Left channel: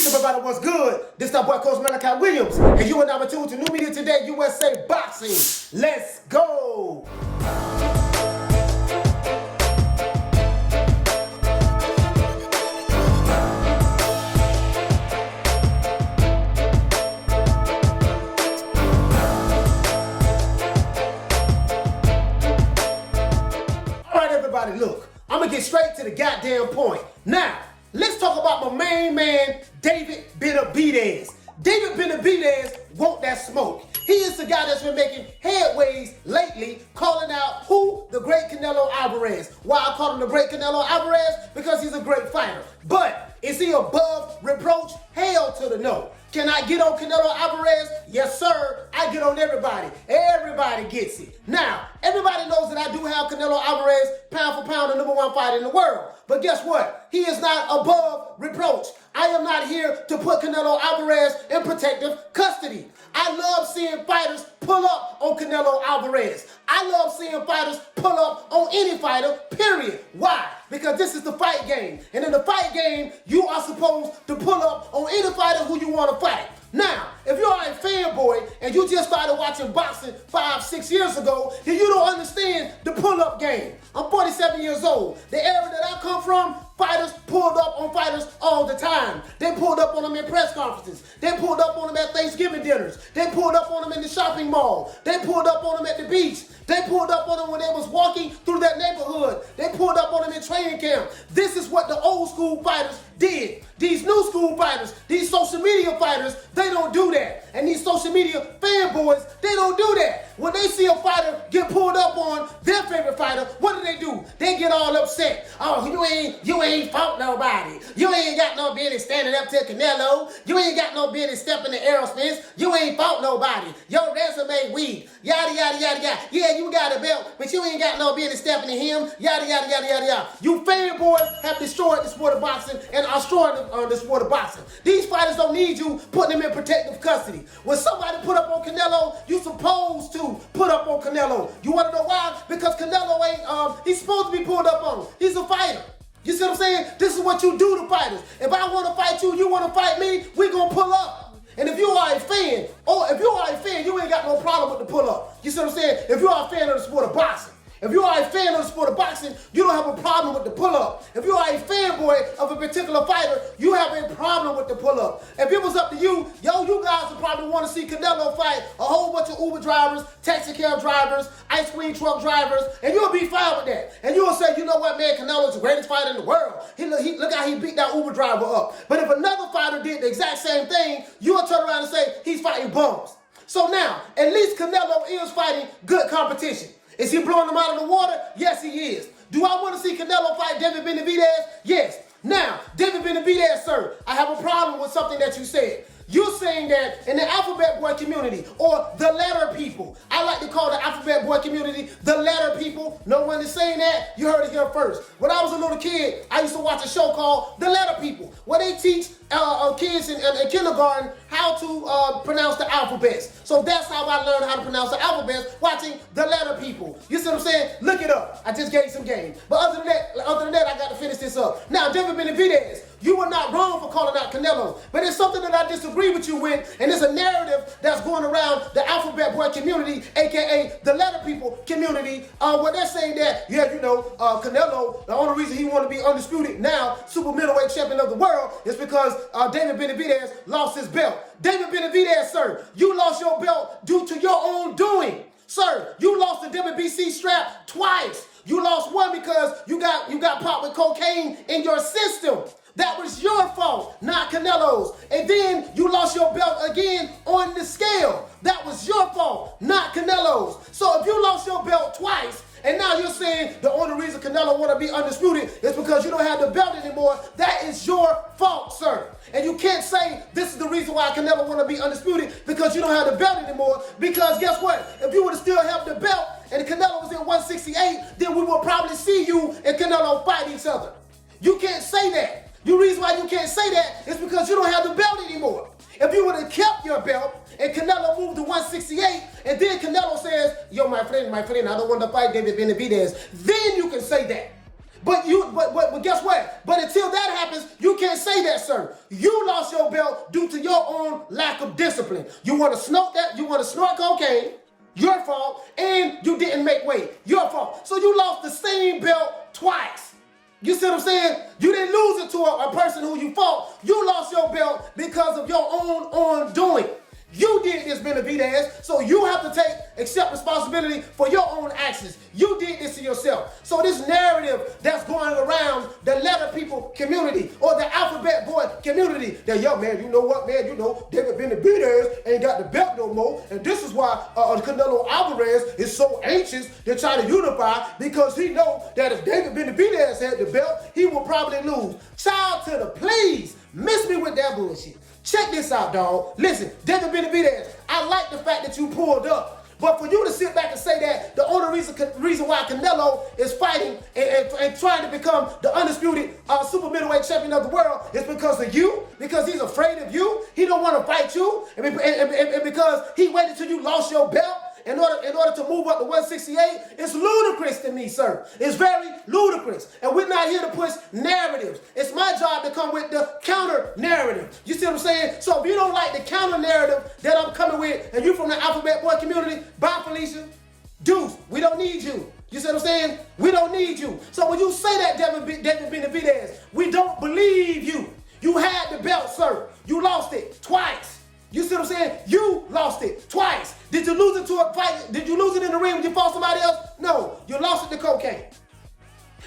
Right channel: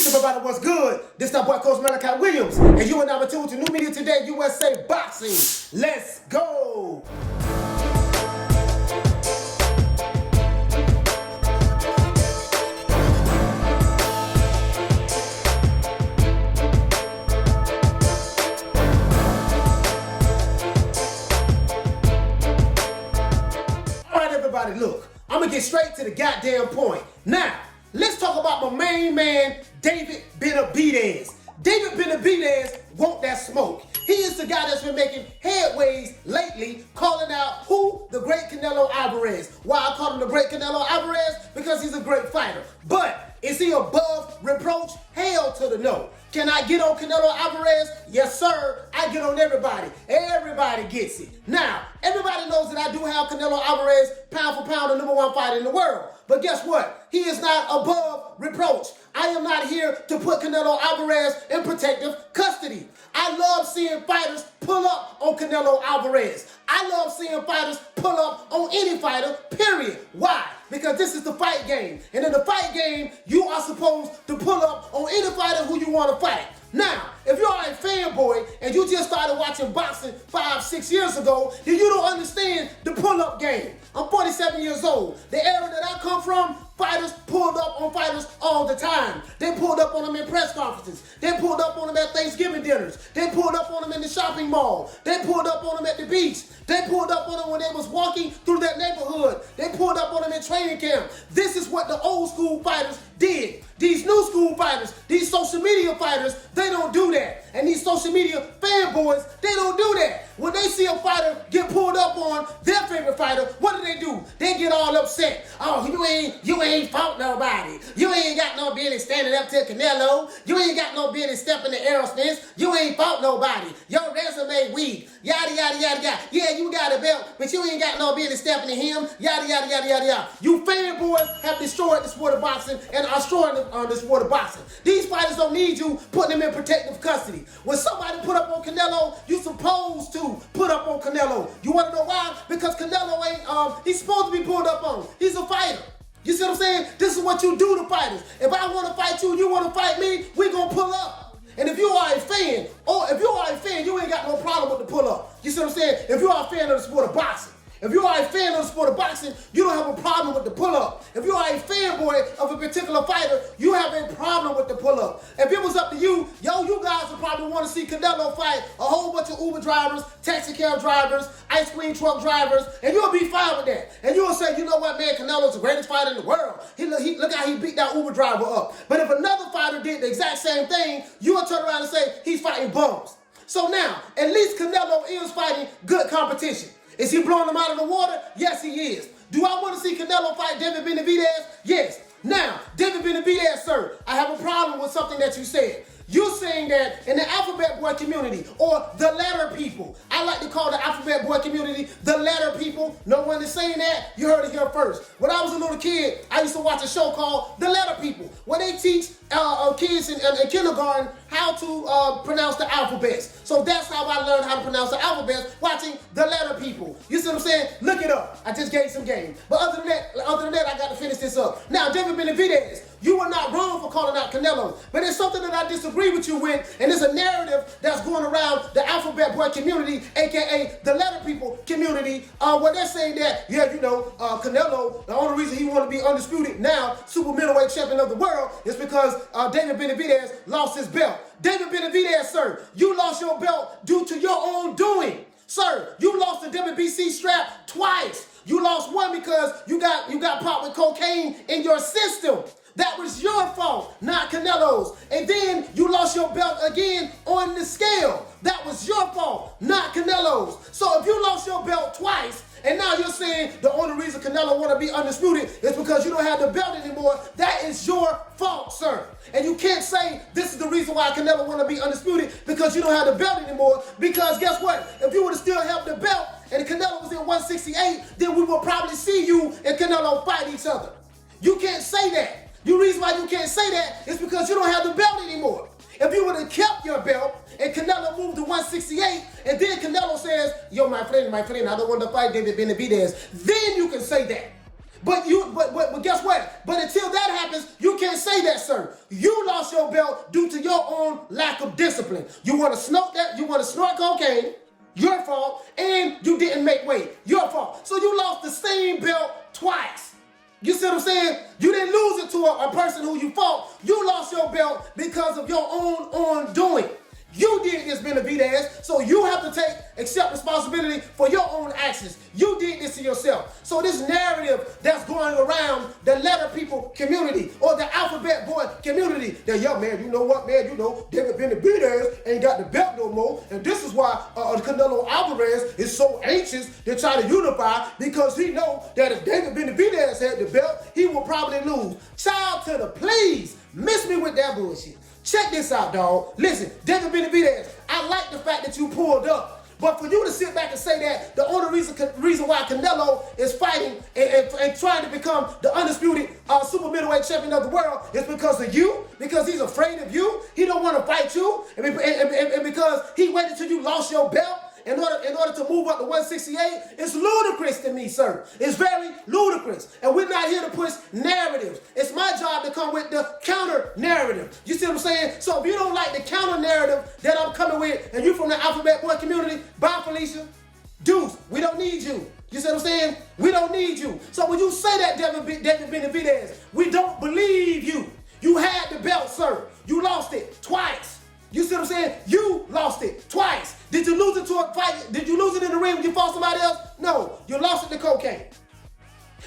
Peace up, everybody. What's good? This is our boy Coach Malachi Williams, and you are now tuned to New Media Today USA Boxing. Let's go. All right, everybody, look. I'm going to get straight to the goddamn point. Now, let's talk about my main man, David Benavidez. David Benavidez want that smoke. He is the guy that's been making headways lately, calling out who? The great Canelo Alvarez. Why I call him the great Canelo Alvarez? Because he's a great fighter. But is he above reproach? Hell to the no. Can I get on Canelo Alvarez? Yes, sir. I get on everybody. Everybody gets it. Now, everybody knows that I do have Canelo Alvarez pound for pound the #1 fighter in the world. But guess what? He is not above reproach. I am not here to put Canelo Alvarez in protective custody. I love seeing fighters pull up on Canelo Alvarez. I love seeing fighters pull up on any fighter, period. Why? Because this is the fight game. And in the fight game, you are supposed to pull up on any fighter who you want to fight. Now, if you're a fanboy and you just started watching boxing 5-6 years ago, then you don't understand the pull-up game. I'm 47 years old. The era that I come from, fighters pulled up on fighters all the time. They pulled up on them in press conferences. They pulled up on them at Thanksgiving dinners. They pulled up on them in the shopping mall. They pulled up on them at the beach. They pulled up on them when they was walking through that neighborhood. They pulled up on them in training camp. This is what the old school fighters did. These new school fighters, these social media fighters, they don't do that. And these social media fanboys, they don't do that. When they see a fighter get pulled up on their favorite fighter, what do? They get all upset. Oh, you ain't fought nobody. You ain't got no business standing up to Canelo. You ain't got no business stepping to Aerosmith. You ain't fought nobody. Your resume weak. Yada, yada, yada, yada. Yeah, you got a belt, but you ain't got no business stepping to him. Yada, yada, yada, yada, yada. You fanboys have destroyed the sport of boxing and are destroying the sport of boxing. These fighters don't need you putting them in protective custody. When somebody put up on Canelo, you supposed to put up on Canelo. You want to know why? Because Canelo ain't, he's supposed to be pulled up on. He's a fighter. You see what I'm saying? This is what you do to fighters. If I want to fight you, you want to fight me, we gonna pull up. And if you are a fan, you ain't got no problem with the pull up. You see what I'm saying? If you are a fan of the sport of boxing, if you are a fan of the sport of boxing, you don't have a problem with the pull-up. If you are a fanboy of a particular fighter, you have a problem with the pull-up. If it was up to you, you guys would probably want to see Canelo fight a whole bunch of Uber drivers, taxi cab drivers, ice cream truck drivers, and you'll be fine with that. And you'll say, you know what, man, Canelo's the greatest fighter in the world. Look how he beat that Uber driver up. But if another fighter did the exact same thing, you'll turn around and say, he's fighting bums. So now, at least Canelo is fighting good competition. Is he blowing them out of the water? Yes, he is. Do I want to see Canelo fight David Benavidez? Yes. Now, David Benavidez, sir, I have a problem with something that you said. You're saying that in the alphabet boy community, or the letter people, I like to call the alphabet boy community the letter people. No one is saying that. You heard it here first. When I was a little kid, I used to watch a show called The Letter People, where they teach kids in kindergarten how to pronounce the alphabets. So that's how I learned how to pronounce the alphabets, watching The Letter People. You see what I'm saying? Look it up. I just gave you some game. But other than that, I got to finish this up. Now, David Benavidez, you were not wrong for calling out Canelo, but it's something that I disagree with you with, and it's a narrative that's going around the alphabet boy community, aka the letter people community, where they're saying that, Canelo, the only reason he want to be undisputed now, super middleweight champion of the world, is because David Benavidez lost his belt. David Benavidez, sir, you lost your belt due to your own doing. Sir, you lost the WBC strap twice. You lost one because you got popped with cocaine in your system. That was your fault, not Canelo's. And then you lost your belt again on the scale. That was your fault, not Canelo's. So if you lost your belt twice, and now you're saying the only reason Canelo want to be undisputed is because you don't have the belt anymore, that is your fault, sir. And you can't say this is the reason why Canelo want to be undisputed because you don't have the belt anymore. Because guess what? If you would have still held the belt and Canelo was in 168, then we will probably see you and Canelo fight each other. You can't say that. The reason why you can't say that is because you don't have the belt anymore. If you would have kept your belt and Canelo moved to 168, and then Canelo says, yo, my friend, I don't want to fight David Benavidez, then you can say that. But guess what? But until that happens, you can't say that, sir. You lost your belt due to your own lack of discipline. You want to snort that? You want to snort cocaine? Your fault. And you didn't make weight. Your fault. So you lost the same belt twice. You see what I'm saying? You didn't lose it to a person who you fought. You lost your belt because of your own undoing. You did this, Benavidez, so you have to accept responsibility for your own actions. You did this to yourself. So this narrative that's going around the letter people community or the alphabet boy community, that, yo, man, you know what, man, you know, David Benavidez ain't got the belt no more, and this is why Canelo Alvarez is so anxious to try to unify, because he know that if David Benavidez had the belt, he will probably lose. Child to the please, miss me with that bullshit. Check this out, dog. Listen, David Benavidez, I like the fact that you pulled up. But for you to sit back and say that the only reason why Canelo is fighting and trying to become the undisputed super middleweight champion of the world is because of you, because he's afraid of you, he don't want to fight you, and because he waited till you lost your belt in order to move up to 168, it's ludicrous to me, sir. It's very ludicrous. And we're not here to push narratives. It's my job to come with the counter narrative. You see what I'm saying? So if you don't like the counter narrative that I'm coming with, and you from the alphabet boy community, bye, Felicia. Deuce, we don't need you. You see what I'm saying? We don't need you. So when you say that, David Benavidez, we don't believe you. You had the belt, sir. You lost it twice. You see what I'm saying? You lost it twice. Did you lose it to a fight? Did you lose it in the ring when you fought somebody else? No, you lost it to cocaine.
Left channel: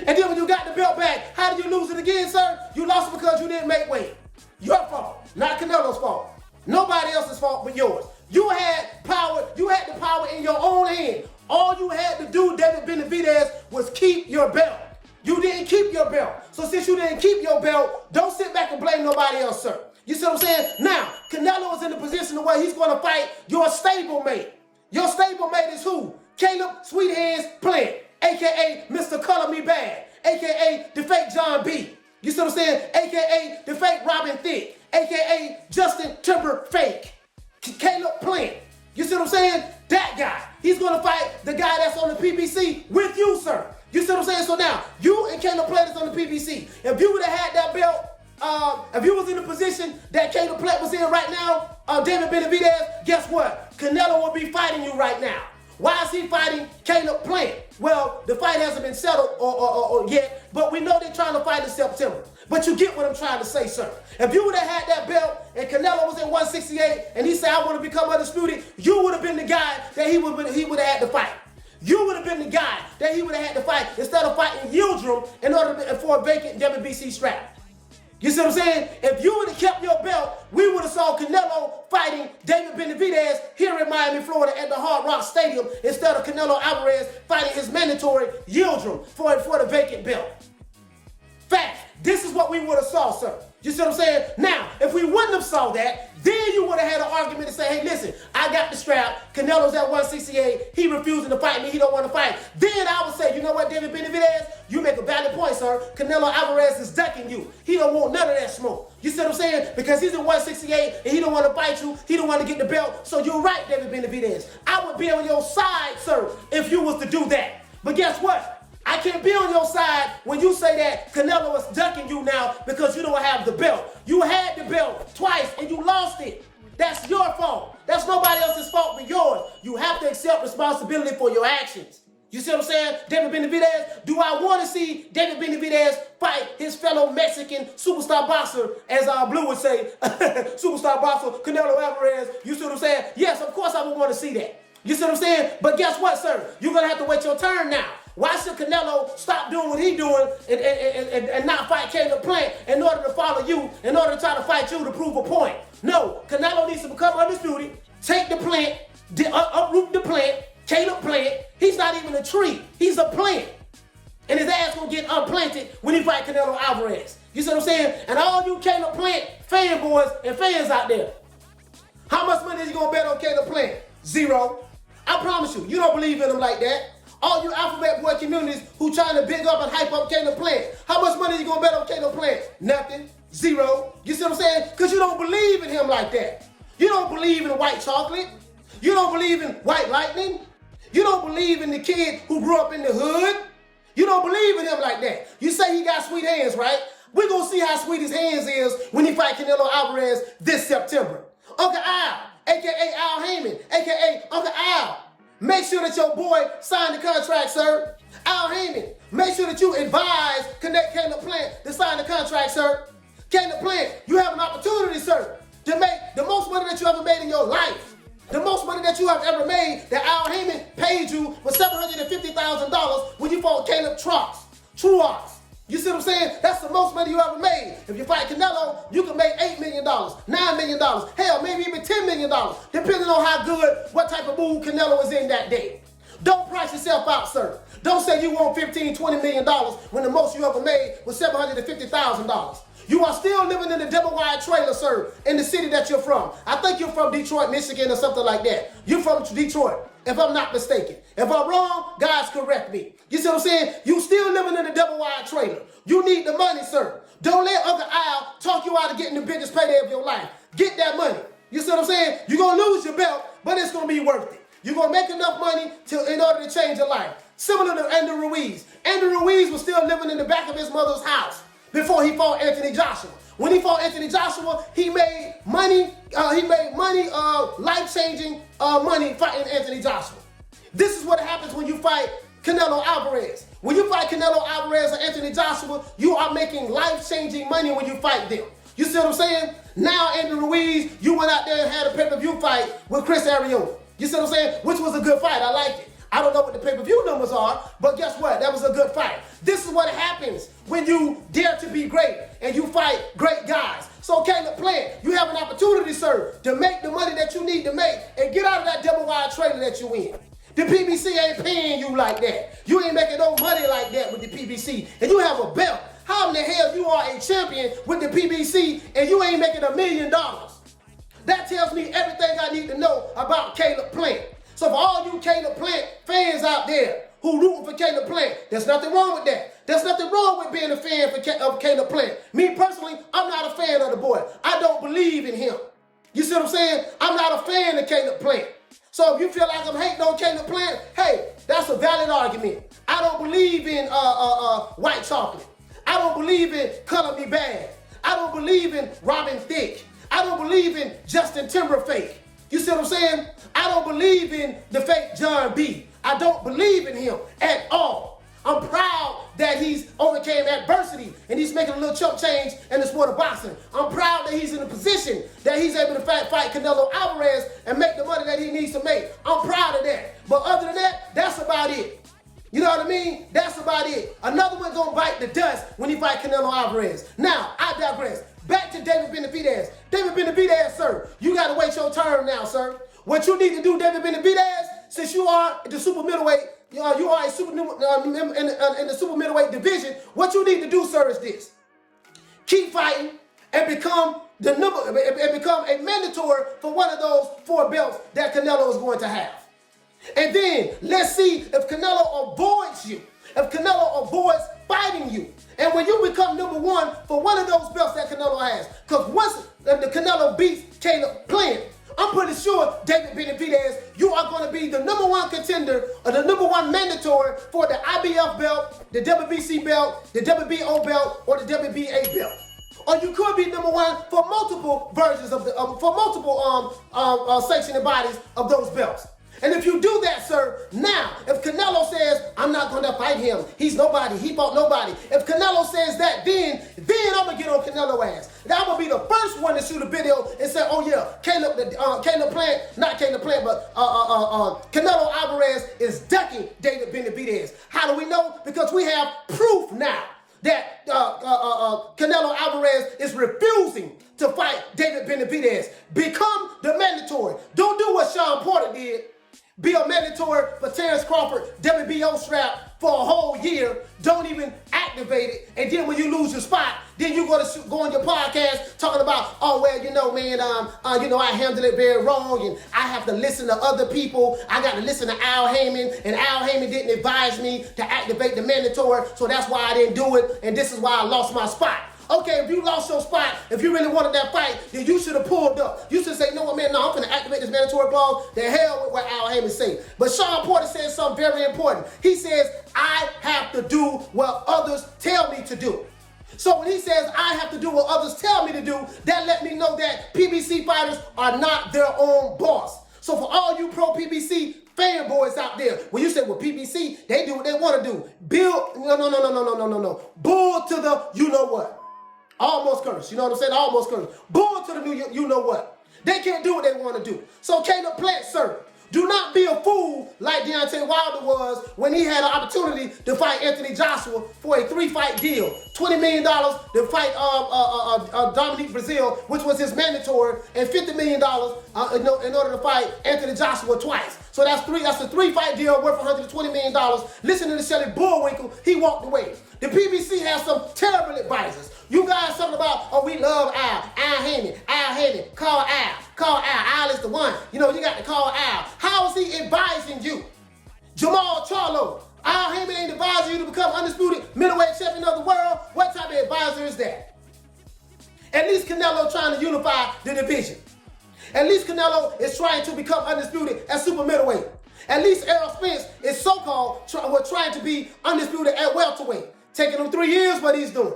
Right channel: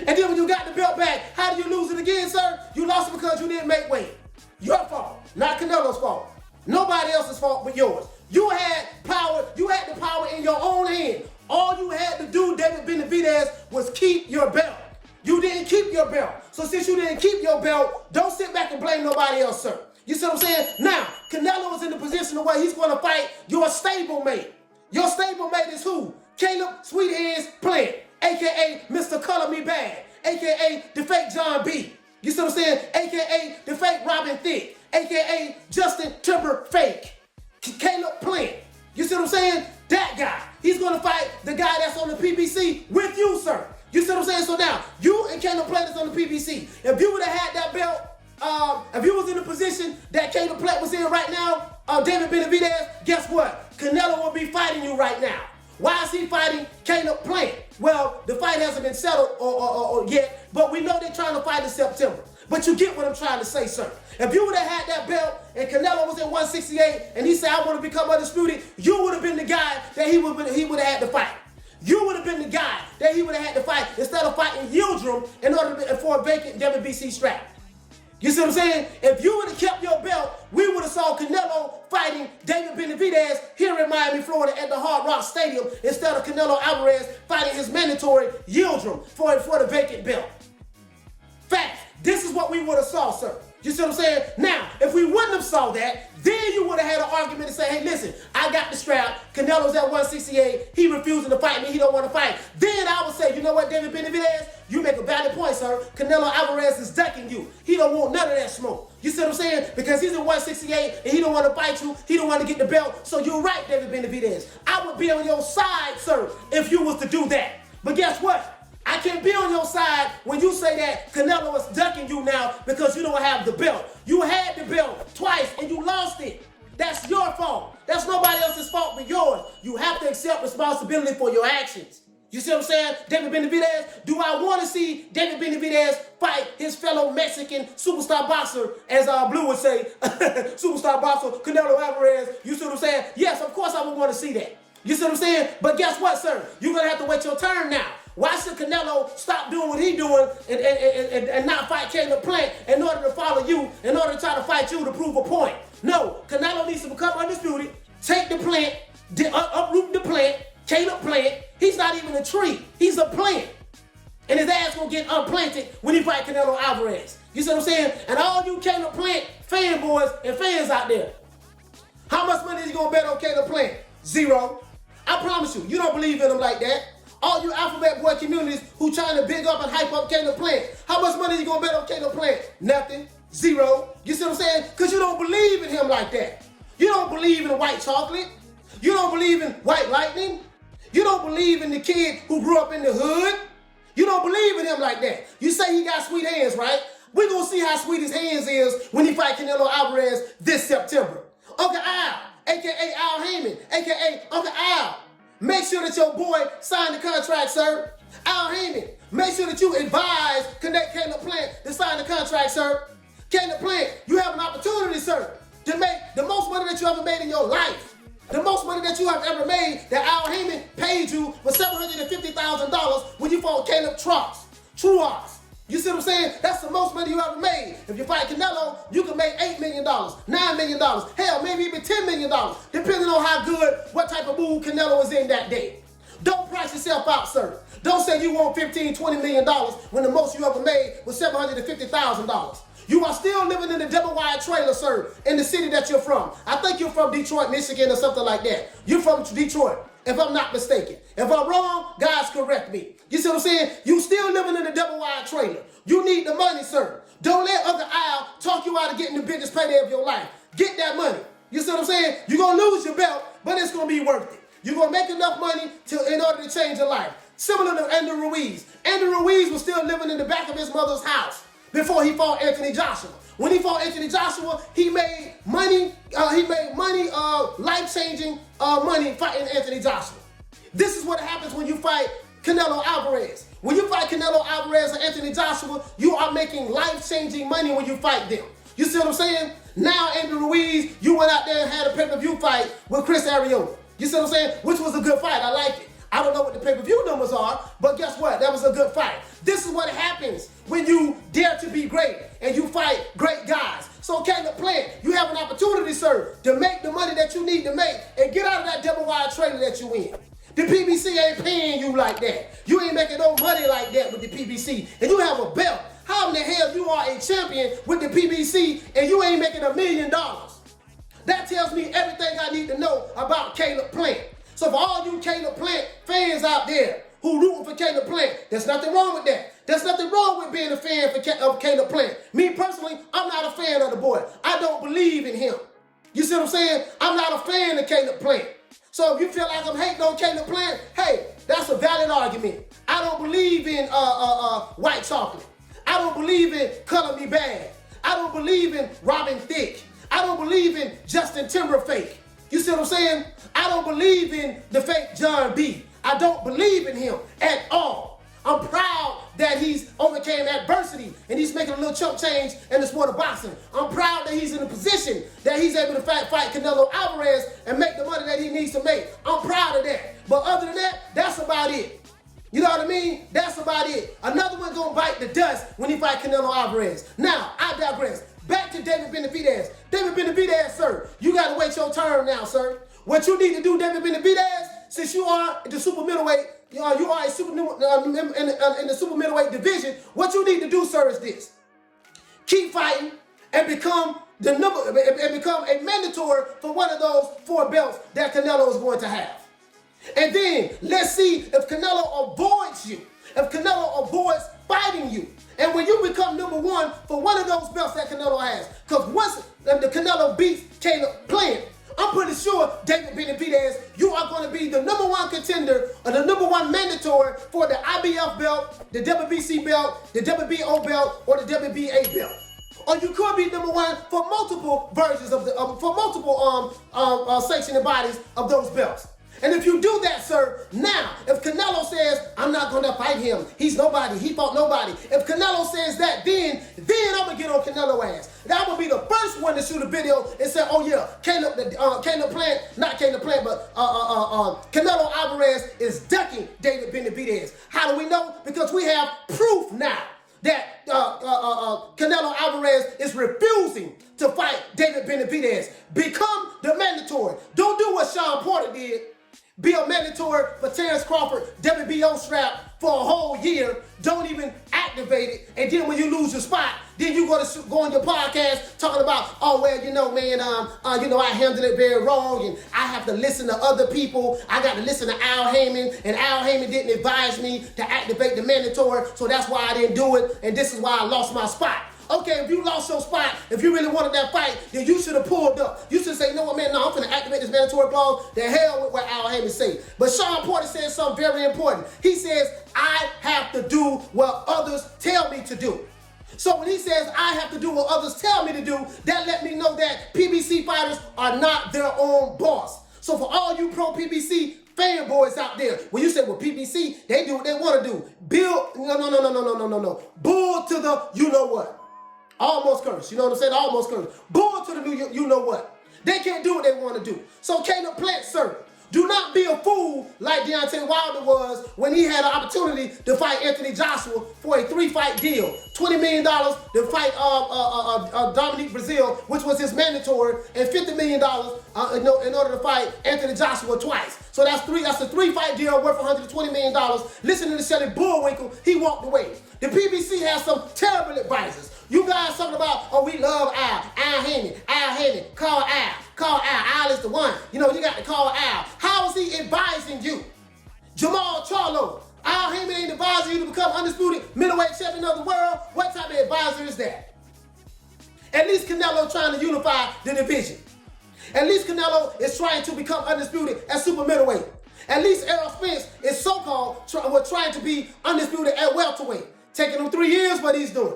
And then when you got the belt back, how did you lose it again, sir? You lost it because you didn't make weight. Your fault, not Canelo's fault. Nobody else's fault but yours. You had power. You had the power in your own hand. All you had to do, David Benavidez, was keep your belt. You didn't keep your belt. So since you didn't keep your belt, don't sit back and blame nobody else, sir. You see what I'm saying? Now, Canelo is in the position where he's going to fight your stablemate. Your stablemate is who? Caleb Sweethands Plant, a.k.a. Mr. Color Me Bad, a.k.a. the fake John B. You see what I'm saying? A.k.a. the fake Robin Thicke, a.k.a. Justin Timber Fake. Caleb Plant. You see what I'm saying? That guy. He's going to fight the guy that's on the PBC with you, sir. You see what I'm saying? So now, you and Caleb Plant is on the PBC. If you would have had that belt, if you was in the position that Caleb Plant was in right now, David Benavidez, guess what? Canelo will be fighting you right now. Why is he fighting Caleb Plant? Well, the fight hasn't been settled or yet, but we know they're trying to fight in September. But you get what I'm trying to say, sir. If you would have had that belt and Canelo was in 168 and he said, I want to become undisputed, you would have been the guy that he would have had to fight. You would have been the guy that he would have had to fight instead of fighting Yildirim in order for a vacant WBC strap. You see what I'm saying? If you would have kept your belt, we would have saw Canelo fighting David Benavidez here in Miami, Florida at the Hard Rock Stadium instead of Canelo Alvarez fighting his mandatory Yildirim for the vacant belt. Fact, this is what we would have saw, sir. You see what I'm saying? Now, if we wouldn't have saw that, then you would have had an argument to say, hey, listen, I got the strap. Canelo's at 168. He refusing to fight me. He don't want to fight. Then I would say, you know what, David Benavidez? You make a valid point, sir. Canelo Alvarez is ducking you. He don't want none of that smoke. You see what I'm saying? Because he's in 168 and he don't want to fight you. He don't want to get the belt. So you're right, David Benavidez. I would be on your side, sir, if you was to do that. But guess what? I can't be on your side when you say that Canelo is ducking you now because you don't have the belt. You had the belt twice and you lost it. That's your fault. That's nobody else's fault but yours. You have to accept responsibility for your actions. You see what I'm saying? David Benavidez, do I want to see David Benavidez fight his fellow Mexican superstar boxer, as Blue would say, superstar boxer Canelo Alvarez? You see what I'm saying? Yes, of course I would want to see that. You see what I'm saying? But guess what, sir? You're going to have to wait your turn now. Why should Canelo stop doing what he's doing and not fight Caleb Plant in order to follow you, in order to try to fight you to prove a point? No, Canelo needs to become undisputed, take the plant, uproot the plant, Caleb Plant. He's not even a tree. He's a plant. And his ass gonna get unplanted when he fight Canelo Alvarez. You see what I'm saying? And all you Caleb Plant fanboys and fans out there, how much money is you gonna bet on Caleb Plant? Zero. I promise you, you don't believe in him like that. All you alphabet boy communities who trying to big up and hype up Caleb Plant, how much money you gonna bet on Caleb Plant? Nothing. Zero. You see what I'm saying? Because you don't believe in him like that. You don't believe in white chocolate. You don't believe in white lightning. You don't believe in the kid who grew up in the hood. You don't believe in him like that. You say he got sweet hands, right? We're going to see how sweet his hands is when he fight Canelo Alvarez this September. Uncle Al, a.k.a. Al Haymon, a.k.a. Uncle Al. Make sure that your boy signed the contract, sir. Al Haymon, make sure that you advise Caleb Plant to sign the contract, sir. Caleb Plant, you have an opportunity, sir, to make the most money that you ever made in your life. The most money that you have ever made that Al Haymon paid you was $750,000 when you fought Caleb Truax. You see what I'm saying? That's the most money you ever made. If you fight Canelo, you can make $8 million, $9 million, hell, maybe even $10 million, depending on how good, what type of mood Canelo is in that day. Don't price yourself out, sir. Don't say you want $15, $20 million when the most you ever made was $750,000. You are still living in a double wide trailer, sir, in the city that you're from. I think you're from Detroit, Michigan, or something like that. You're from Detroit, if I'm not mistaken. If I'm wrong, guys, correct me. You see what I'm saying? You still living in a double wide trailer. You need the money, sir. Don't let Uncle Al talk you out of getting the biggest payday of your life. Get that money. You see what I'm saying? You're going to lose your belt, but it's going to be worth it. You're going to make enough money in order to change your life. Similar to Andy Ruiz. Andy Ruiz was still living in the back of his mother's house before he fought Anthony Joshua. When he fought Anthony Joshua, he made money, life-changing money fighting Anthony Joshua. This is what happens when you fight Canelo Alvarez. When you fight Canelo Alvarez or Anthony Joshua, you are making life-changing money when you fight them. You see what I'm saying? Now, Andy Ruiz, you went out there and had a pay-per-view fight with Chris Arreola. You see what I'm saying? Which was a good fight. I like it. I don't know what the pay-per-view numbers are, but guess what? That was a good fight. This is what happens when you dare to be great and you fight great guys. So Caleb Plant, you have an opportunity, sir, to make the money that you need to make and get out of that double wide trailer that you in. The PBC ain't paying you like that. You ain't making no money like that with the PBC, and you have a belt. How in the hell you are a champion with the PBC and you ain't making $1 million? That tells me everything I need to know about Caleb Plant. So for all you Caleb Plant fans out there who rooting for Caleb Plant, there's nothing wrong with that. There's nothing wrong with being a fan of Caleb Plant. Me personally, I'm not a fan of the boy. I don't believe in him. You see what I'm saying? I'm not a fan of Caleb Plant. So if you feel like I'm hating on Caleb Plant, hey, that's a valid argument. I don't believe in white chocolate. I don't believe in Color Me Bad. I don't believe in Robin Thicke. I don't believe in Justin Timberlake. You see what I'm saying? I don't believe in the fake John B. I don't believe in him at all. I'm proud that he's overcame adversity and he's making a little chump change in the sport of boxing. I'm proud that he's in a position that he's able to fight Canelo Alvarez and make the money that he needs to make. I'm proud of that. But other than that, that's about it. You know what I mean? That's about it. Another one gonna bite the dust when he fight Canelo Alvarez. Now, I digress. Back to David Benavidez. David Benavidez, sir, you gotta wait your turn now, sir. What you need to do, David Benavidez, since you are the super middleweight, you are a super in the super middleweight division. What you need to do, sir, is this: keep fighting and become a mandatory for one of those 4 belts that Canelo is going to have. And then let's see if Canelo avoids you, if Canelo avoids fighting you. And when you become number 1 for one of those belts that Canelo has, because once the Canelo beats Caleb Plant, I'm pretty sure, David Benavidez, you are going to be the number 1 contender or the number 1 mandatory for the IBF belt, the WBC belt, the WBO belt, or the WBA belt. Or you could be number 1 for multiple versions of the, for multiple sanctioning bodies of those belts. And if you do that, sir, now, if Canelo says, I'm not going to fight him, he's nobody, he fought nobody. If Canelo says that, then I'm going to get on Canelo ass. And I'm going to be the first one to shoot a video and say, oh yeah, Canelo Plant, not Caleb Plant, but Canelo Alvarez is ducking David Benavidez. How do we know? Because we have proof now that Canelo Alvarez is refusing to fight David Benavidez. Become the mandatory. Don't do what Shawn Porter did. Be a mandatory for Terrence Crawford WBO strap for a whole year. Don't even activate it. And then when you lose your spot, then you go on your podcast talking about, oh, well, you know, man, I handled it very wrong and I have to listen to other people. I got to listen to Al Haymon, and Al Haymon didn't advise me to activate the mandatory, so that's why I didn't do it, and this is why I lost my spot. Okay, if you lost your spot, if you really wanted that fight, then you should have pulled up. You should say, you know what, man, no, I'm going to activate this mandatory clause. The hell with what Al Haymon say. But Shawn Porter said something very important. He says, I have to do what others tell me to do. So when he says I have to do what others tell me to do, that let me know that PBC fighters are not their own boss. So for all you pro PBC fanboys out there, when you say, well, PBC, they do what they want to do. No. Bull to the you know what. Almost curse. You know what I'm saying? Almost curse. Bull to the new you know what. They can't do what they want to do. So Caleb Plant, sir, do not be a fool like Deontay Wilder was when he had an opportunity to fight Anthony Joshua for a 3-fight deal. $20 million to fight Dominique Brazil, which was his mandatory, and $50 million in order to fight Anthony Joshua twice. So that's a 3-fight deal worth $120 million. Listening to Shelly Bullwinkle, he walked away. The PBC has some terrible advisors. You guys talking about, oh, we love Al Haymon, call Al, Al is the one. You know, you got to call Al. How is he advising you? Jamal Charlo, Al Haymon ain't advising you to become undisputed middleweight champion of the world. What type of advisor is that? At least Canelo trying to unify the division. At least Canelo is trying to become undisputed at super middleweight. At least Errol Spence is so-called trying to be undisputed at welterweight. Taking him 3 years, what he's doing.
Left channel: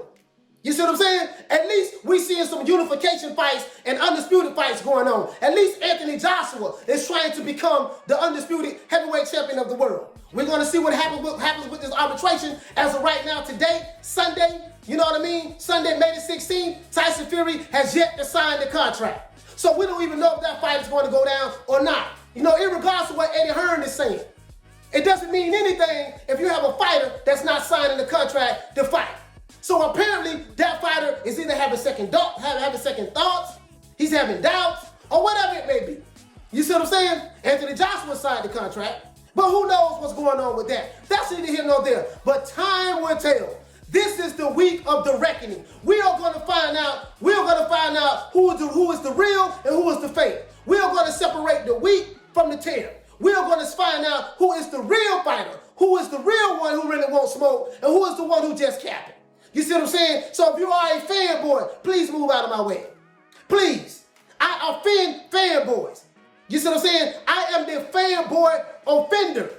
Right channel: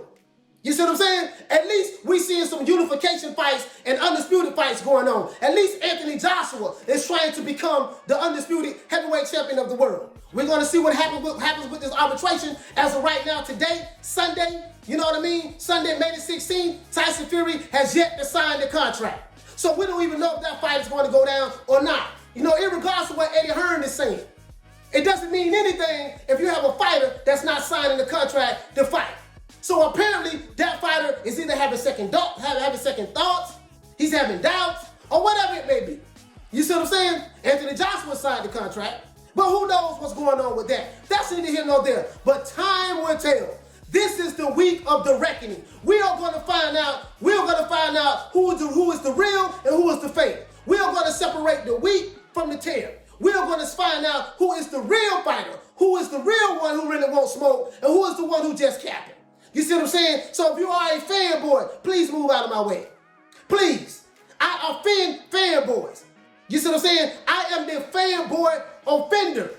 You see what I'm saying? At least we seeing some unification fights and undisputed fights going on. At least Anthony Joshua is trying to become the undisputed heavyweight champion of the world. We're going to see what happens with this arbitration as of right now today, Sunday. You know what I mean? Sunday, May the 16th, Tyson Fury has yet to sign the contract. So we don't even know if that fight is going to go down or not. You know, irregardless of what Eddie Hearn is saying. It doesn't mean anything if you have a fighter that's not signing the contract to fight. So apparently that fighter is either having second thoughts, he's having doubts, or whatever it may be. You see what I'm saying? Anthony Joshua signed the contract, but who knows what's going on with that? That's neither here nor there. But time will tell. This is the week of the reckoning. We are going to find out. We're going to find out who is the real and who is the fake. We are going to separate the wheat from the tare. We are going to find out who is the real fighter, who is the real one who really won't smoke, and who is the one who just capping. You see what I'm saying? So if you are a fanboy, please move out of my way. Please. I offend fanboys. You see what I'm saying? I am the fanboy offender.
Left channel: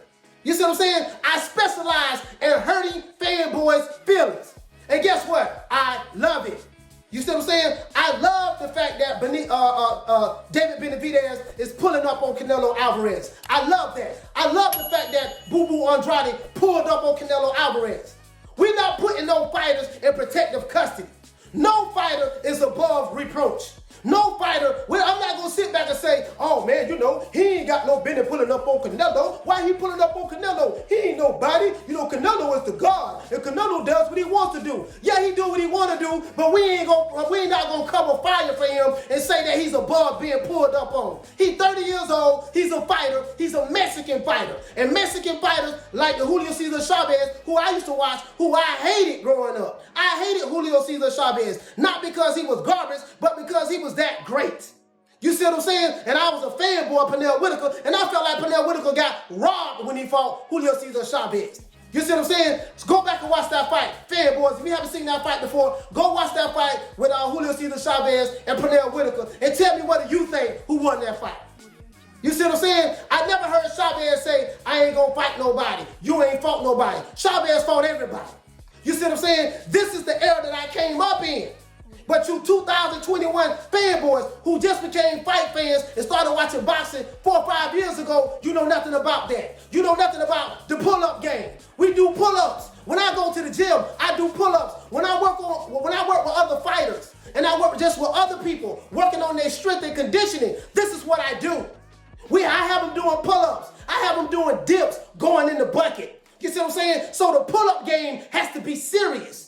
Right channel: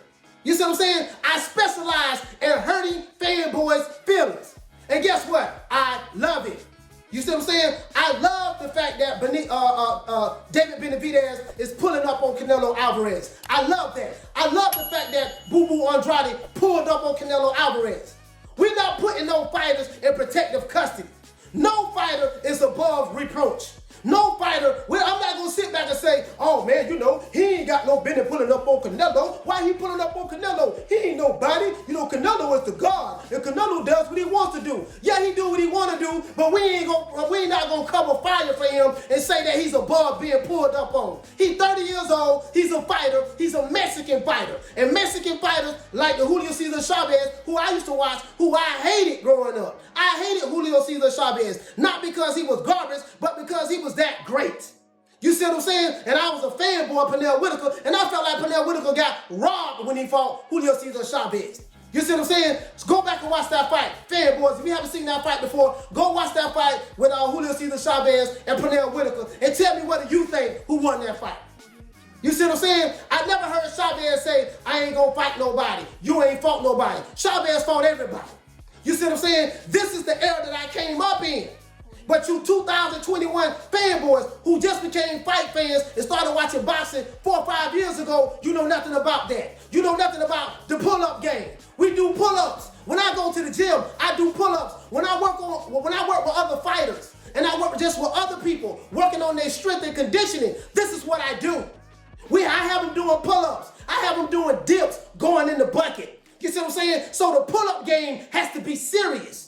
You see what I'm saying? I specialize in hurting fanboys' feelings. And guess what? I love it. You see what I'm saying? I love the fact that David Benavidez is pulling up on Canelo Alvarez. I love that. I love the fact that Boo Boo Andrade pulled up on Canelo Alvarez. We're not putting no fighters in protective custody. No fighter is above reproach. No fighter, I'm not going to sit back and say, oh man, you know, he ain't got no business pulling up on Canelo. Why he pulling up on Canelo? He ain't nobody. You know, Canelo is the God. And Canelo does what he wants to do. Yeah, he do what he want to do, but we not going to cover fire for him and say that he's above being pulled up on. He's 30 years old. He's a fighter. He's a Mexican fighter. And Mexican fighters like the Julio Cesar Chavez, who I used to watch, who I hated growing up. I hated Julio Cesar Chavez, not because he was garbage, but because he was that great. You see what I'm saying? And I was a fanboy of Pernell Whitaker, and I felt like Pernell Whitaker got robbed when he fought Julio Cesar Chavez. You see what I'm saying? So go back and watch that fight. Fanboys, if you haven't seen that fight before, go watch that fight with Julio Cesar Chavez and Pernell Whitaker, and tell me what you think who won that fight. You see what I'm saying? I never heard Chavez say, I ain't gonna fight nobody. You ain't fought nobody. Chavez fought everybody. You see what I'm saying? This is the era that I came up in. But you 2021 fanboys who just became fight fans and started watching boxing 4 or 5 years ago, you know nothing about that. You know nothing about the pull-up game. We do pull-ups. When I go to the gym, I do pull-ups. When I work with other fighters and I work just with other people working on their strength and conditioning, this is what I do. I have them doing pull-ups. I have them doing dips, going in the bucket. You see what I'm saying? So the pull-up game has to be serious.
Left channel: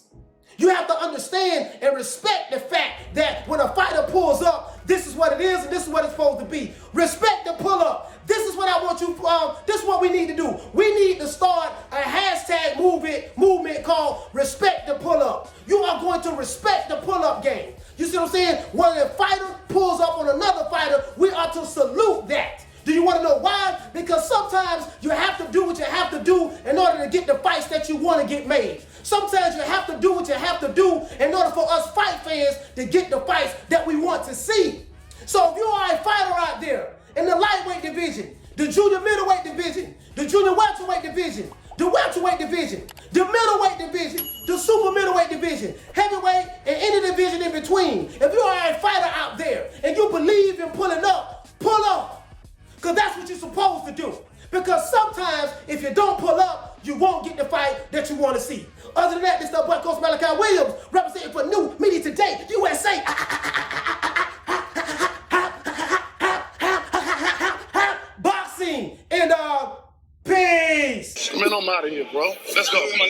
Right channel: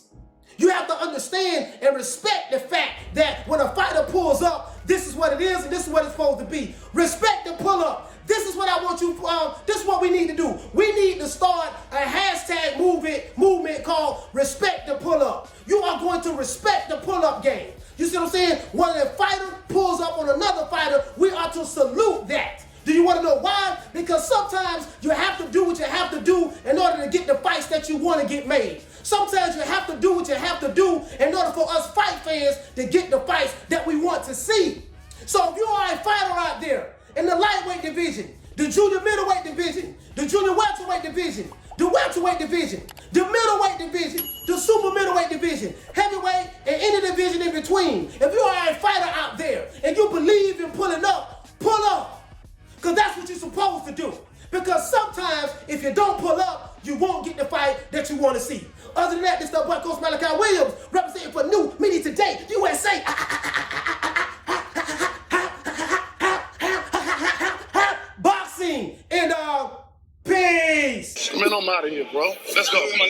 You have to understand and respect the fact that when a fighter pulls up, this is what it is and this is what it's supposed to be. Respect the pull-up. This is what I want you, this is what we need to do. We need to start a hashtag movement called respect the pull-up. You are going to respect the pull-up game. You see what I'm saying? When a fighter pulls up on another fighter, we are to salute that. Do you want to know why? Because sometimes you have to do what you have to do in order to get the fights that you want to get made. Sometimes you have to do what you have to do in order for us fight fans to get the fights that we want to see. So if you are a fighter out there in the lightweight division, the junior middleweight division, the junior welterweight division, the welterweight division, the middleweight division, the super middleweight division, heavyweight, and any division in between. If you are a fighter out there and you believe in pulling up, pull up. Because that's what you're supposed to do. Because sometimes if you don't pull up, you won't get the fight that you want to see. Other than that, this is the boy Coach Malachi Williams, representing for New Media Today, USA. Boxing and peace. Man, I'm out of here, bro. Let's go.